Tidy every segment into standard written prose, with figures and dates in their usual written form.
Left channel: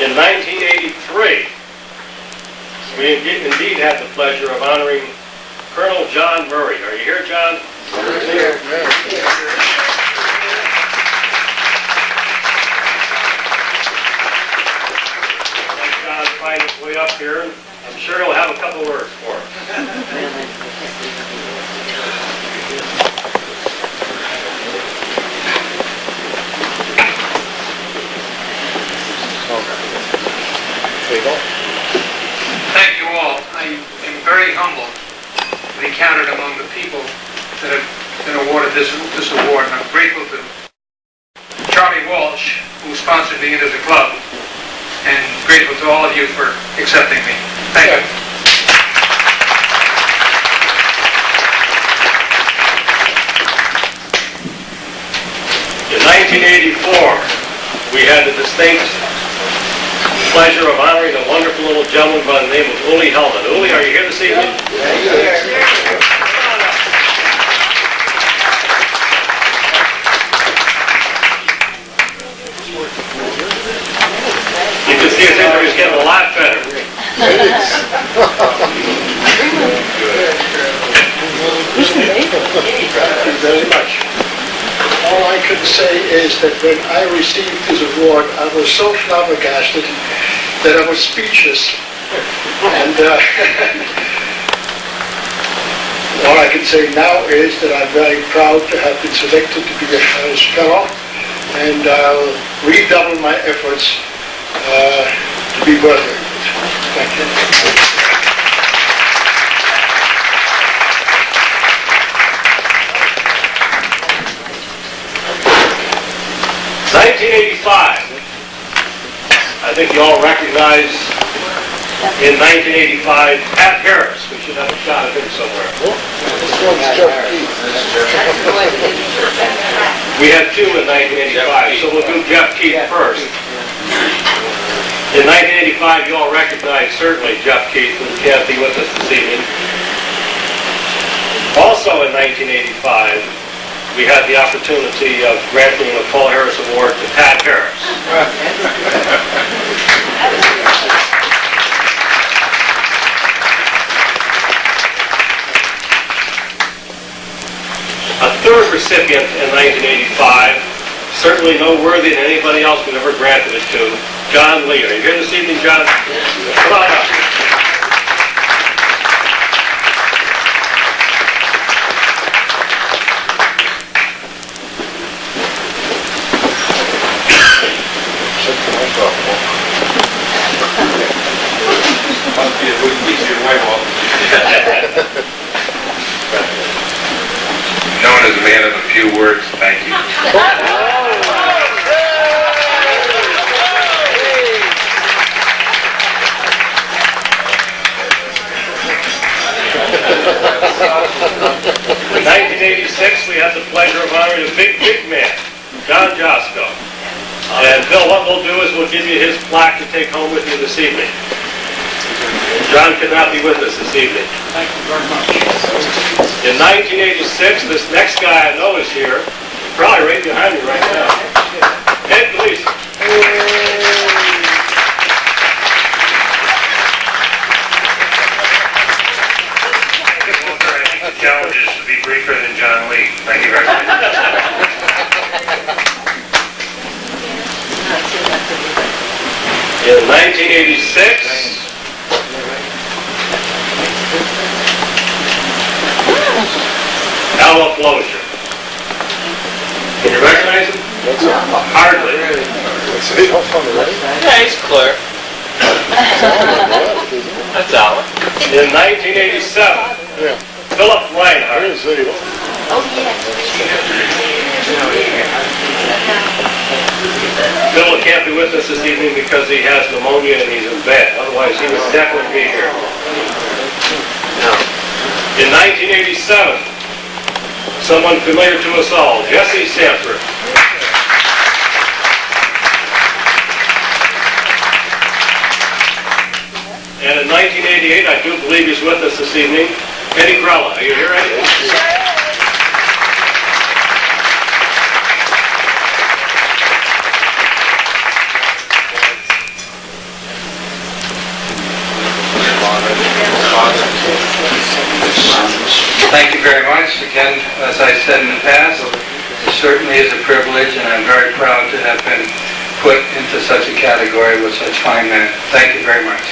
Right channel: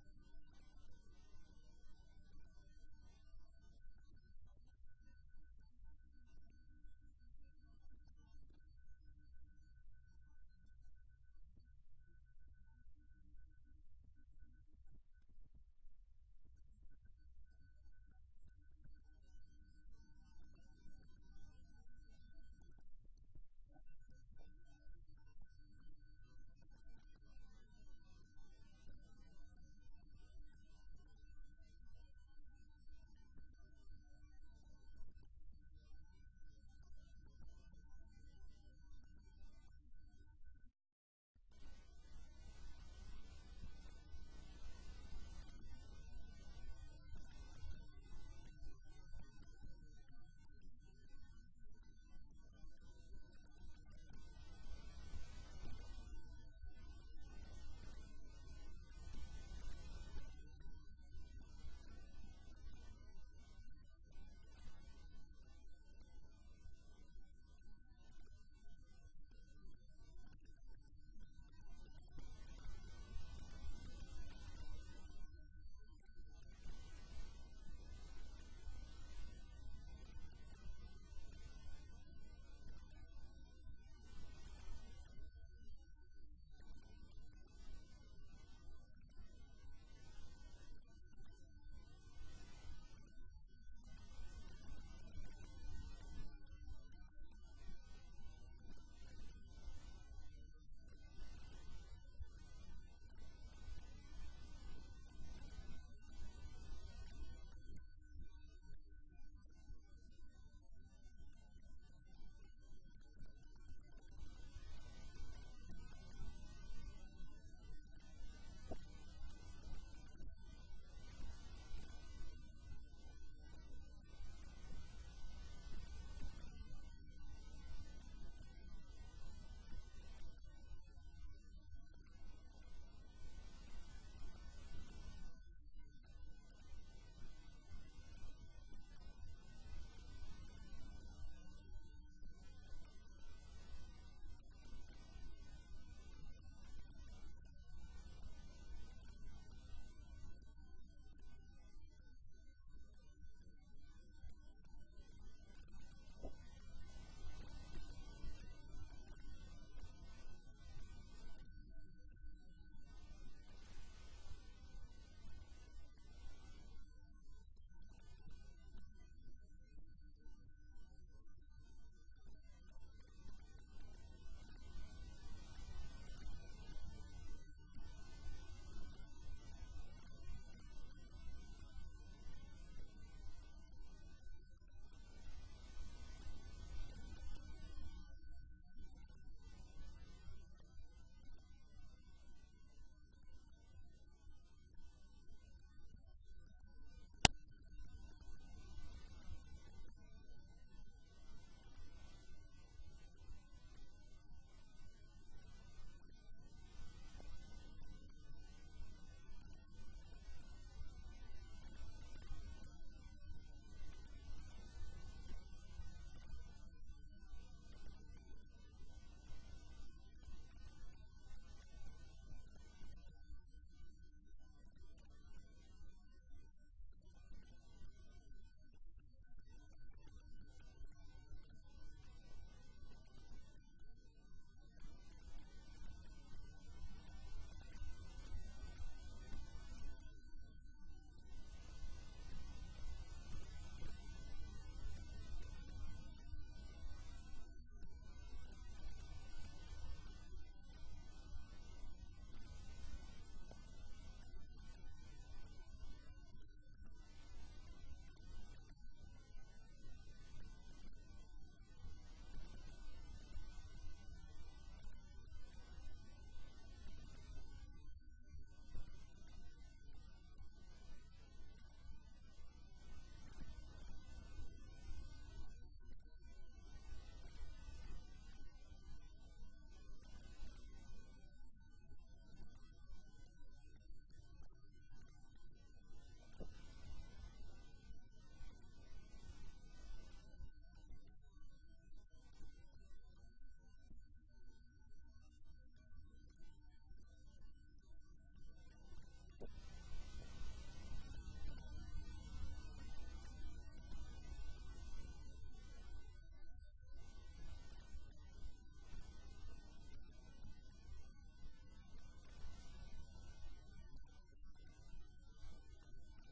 In 1983, we indeed had the pleasure of honoring Colonel John Murray. Are you here, John? Here. John find his way up here. I'm sure he'll have a couple words for us. Thank you all. I am very humbled to be counted among the people that have been awarded this award, and I'm grateful to Charlie Walsh, who sponsored me into the club, and grateful to all of you for accepting me. Thank you. In 1984, we had the distinct pleasure of honoring a wonderful little gentleman by the name of Uli Hellman. Uli, are you here this evening? You can see his injuries getting a lot better. Thank you very much. All I can say is that when I received this award, I was so flabbergasted that I was speechless. And all I can say now is that I'm very proud to have been selected to be a Harris Fellow, and I'll redouble my efforts to be worthy of it. Thank you. 1985. I think you all recognize in 1985 Pat Harris. We should have a shot of him somewhere. We had two in 1985, so we'll do Jeff Keith first. In 1985, you all recognize certainly Jeff Keith, who can't be with us this evening. Also in 1985, we had the opportunity of granting the Paul Harris Award to Pat Harris. A third recipient in 1985, certainly no worthy than anybody else we've ever granted it to, John Lee. Are you here this evening, John? Come on up. Known as a man of a few words, thank you. In 1986, we had the pleasure of honoring a big man, John Josko. And Bill, what we'll do is we'll give you his plaque to take home with you this evening. John could not be with us this evening. Thank you very much. In 1986, this next guy I know is here, probably right behind me right now. Ed Gleason. The challenge is to be briefer than John Lee. Thank you very much. In 1986, Al Flozier. Can you recognize him? Hardly. Yeah, he's clear. That's Alan. In 1987, Philip Reinhardt. Phil can't be with us this evening because he has pneumonia and he's in bed. Otherwise, he would definitely be here. In 1987, someone familiar to us all, Jesse Sanford. And in 1988, I do believe he's with us this evening, Eddie Grella. Are you here, Eddie? certainly is a privilege, and I'm very proud to have been put into such a category with such fine men. Thank you very much.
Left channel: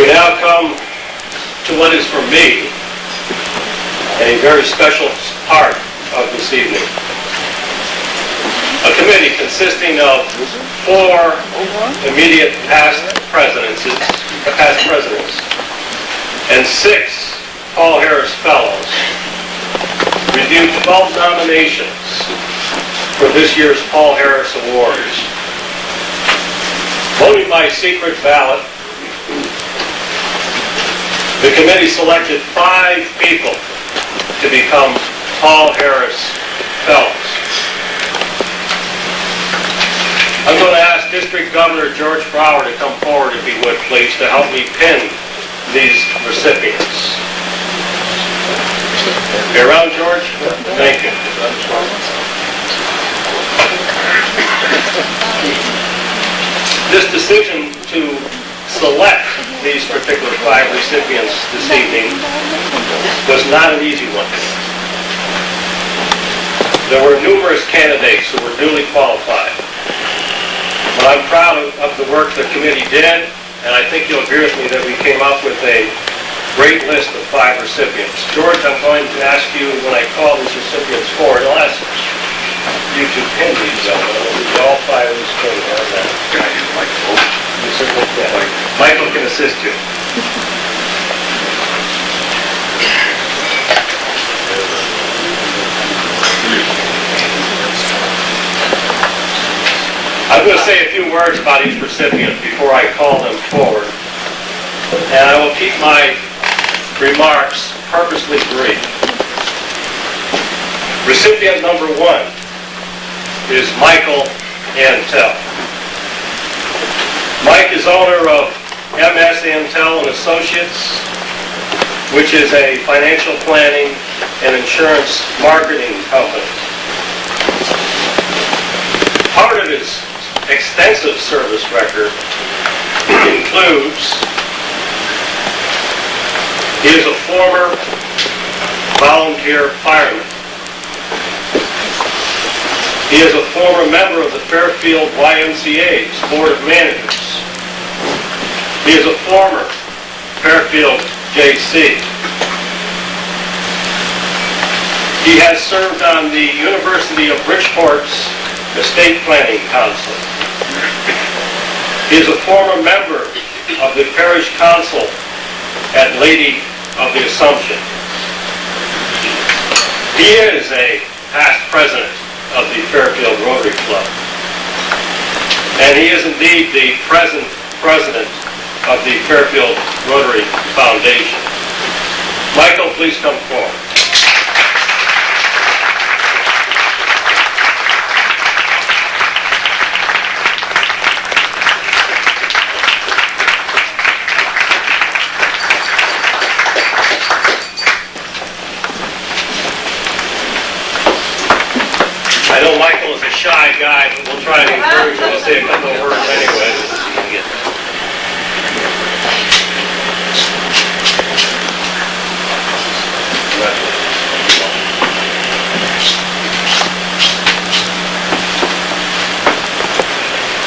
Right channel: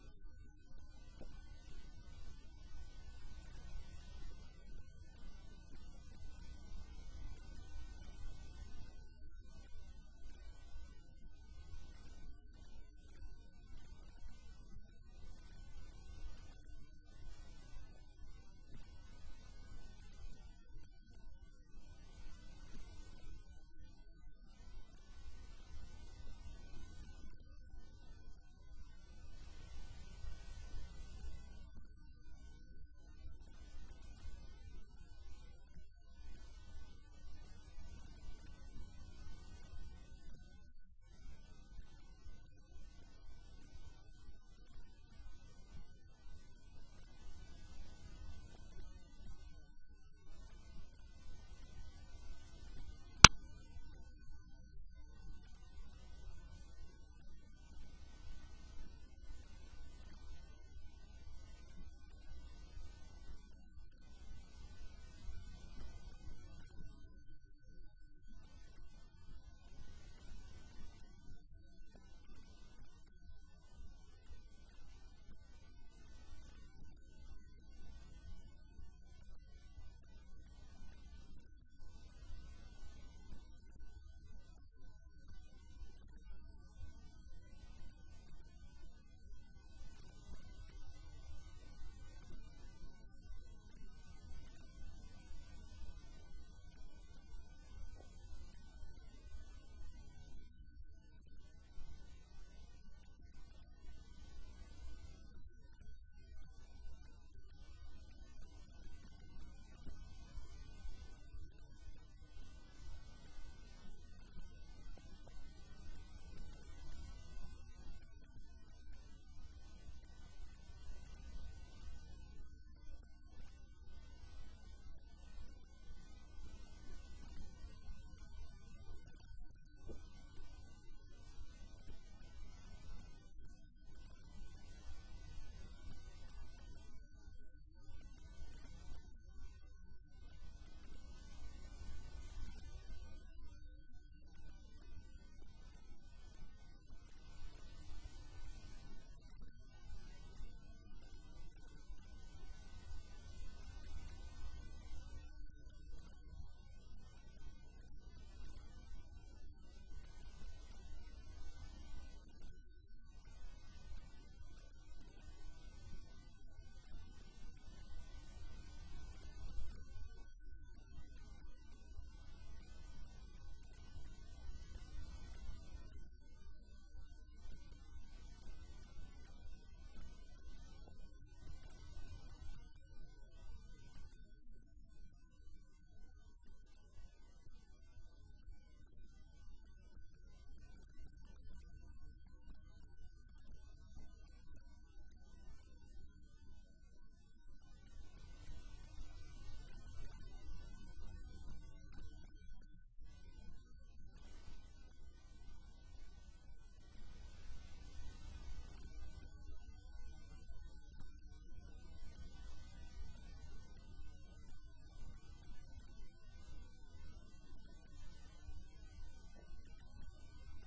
We now come to what is for me a very special part of this evening. A committee consisting of 4 immediate past presidents and 6 Paul Harris Fellows reviewed 12 nominations for this year's Paul Harris Awards. Voting by secret ballot, the committee selected 5 people to become Paul Harris Fellows. I'm going to ask District Governor George Brower to come forward, if he would, please, to help me pin these recipients. You around, George? Thank you. This decision to select these particular 5 recipients this evening was not an easy one. There were numerous candidates who were duly qualified. But I'm proud of the work the committee did, and I think you'll agree with me that we came up with a great list of 5 recipients. George, I'm going to ask you, when I call these recipients forward, I'll ask you to pin these gentlemen. All 5 of these can have that. You certainly can. Michael can assist you. I'm going to say a few words about each recipient before I call them forward. And I will keep my remarks purposely brief. Recipient number 1 is Michael Antel. Mike is owner of MS Antel and Associates, which is a financial planning and insurance marketing company. Part of his extensive service record includes he is a former volunteer fireman. He is a former member of the Fairfield YMCA's Board of Managers. He is a former Fairfield JC. He has served on the University of Bridgeport's Estate Planning Council. He is a former member of the Parish Council at Lady of the Assumption. He is a past president of the Fairfield Rotary Club. And he is indeed the present president of the Fairfield Rotary Foundation. Michael, please come forward. I know Michael is a shy guy, but we'll try to encourage him to say a couple of words anyway.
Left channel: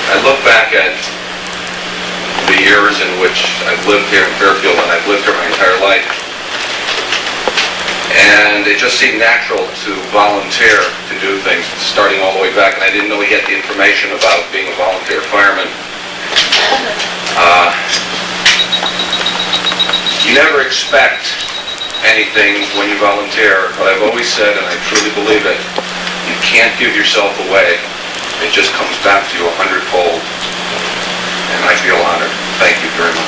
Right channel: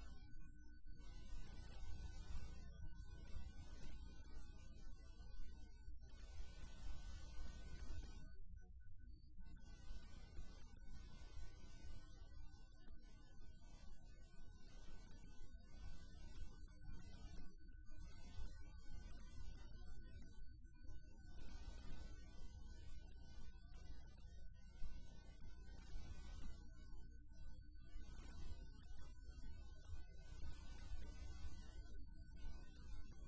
I look back at the years in which I've lived here in Fairfield, and I've lived here my entire life, and it just seemed natural to volunteer to do things, starting all the way back, and I didn't really get the information about being a volunteer fireman. You never expect anything when you volunteer, but I've always said, and I truly believe it, you can't give yourself away. It just comes back to you 100-fold, and I feel honored. Thank you very much.